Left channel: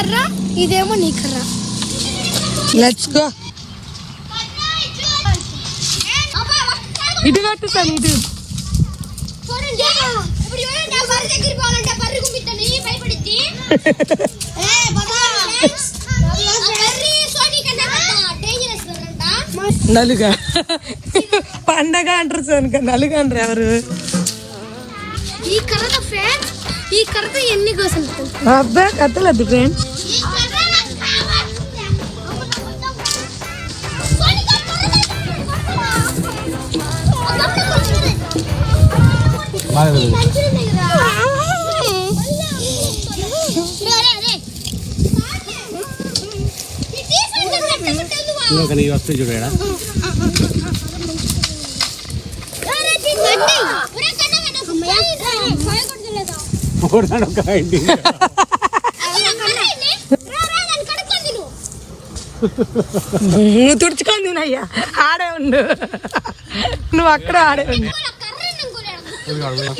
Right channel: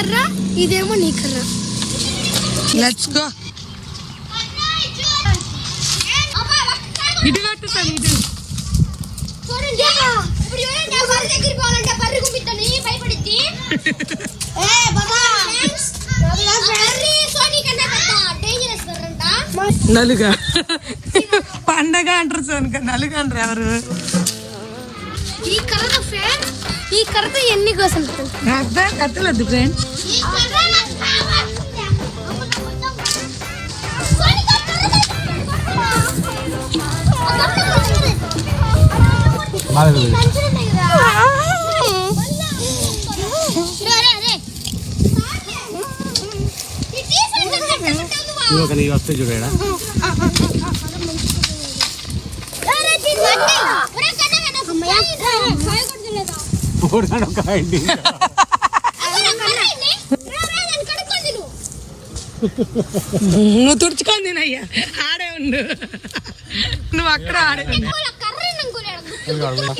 కర్ర, ఇదేమో నీ కర్ర. Let's go. ఇటు కట్టుతాను ఇటు. నలుగా పండగ అంటారు సోనిక, నలుగా అంటారు ఎవరు? ఈ కర్ర ఫ్రెండ్స్, ఈ కర్రతో ఎన్ని కోసం అబ్బా కట్టలేదు ఫ్రెండ్స్. వస్తే చూడా నువ్వు తుడుచుకొని తినయ్యా, ఆడే ఉండు నువ్వు, అక్కడ ఆడే ఉండు.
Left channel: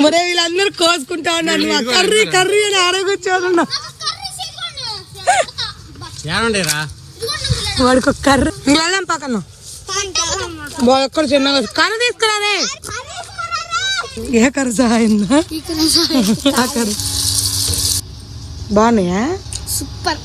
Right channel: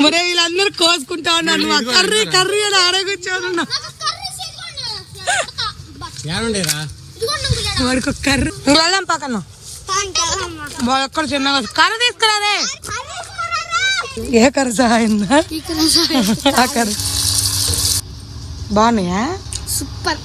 మరే వీళ్ళందరూ కోసుకుంటా ఉన్నారు, నువ్వు కర్రీ కర్రీ అని ఆడే కూర్చోనున్నావు. వాడికి ఒక కర్రీ వెళ్ళాం పక్కన ఎక్కడ చిన్నగా కర్ర తీసుకురాదే. ఏ కర్ర సహాయం బాగున్నాయా? సూపర్.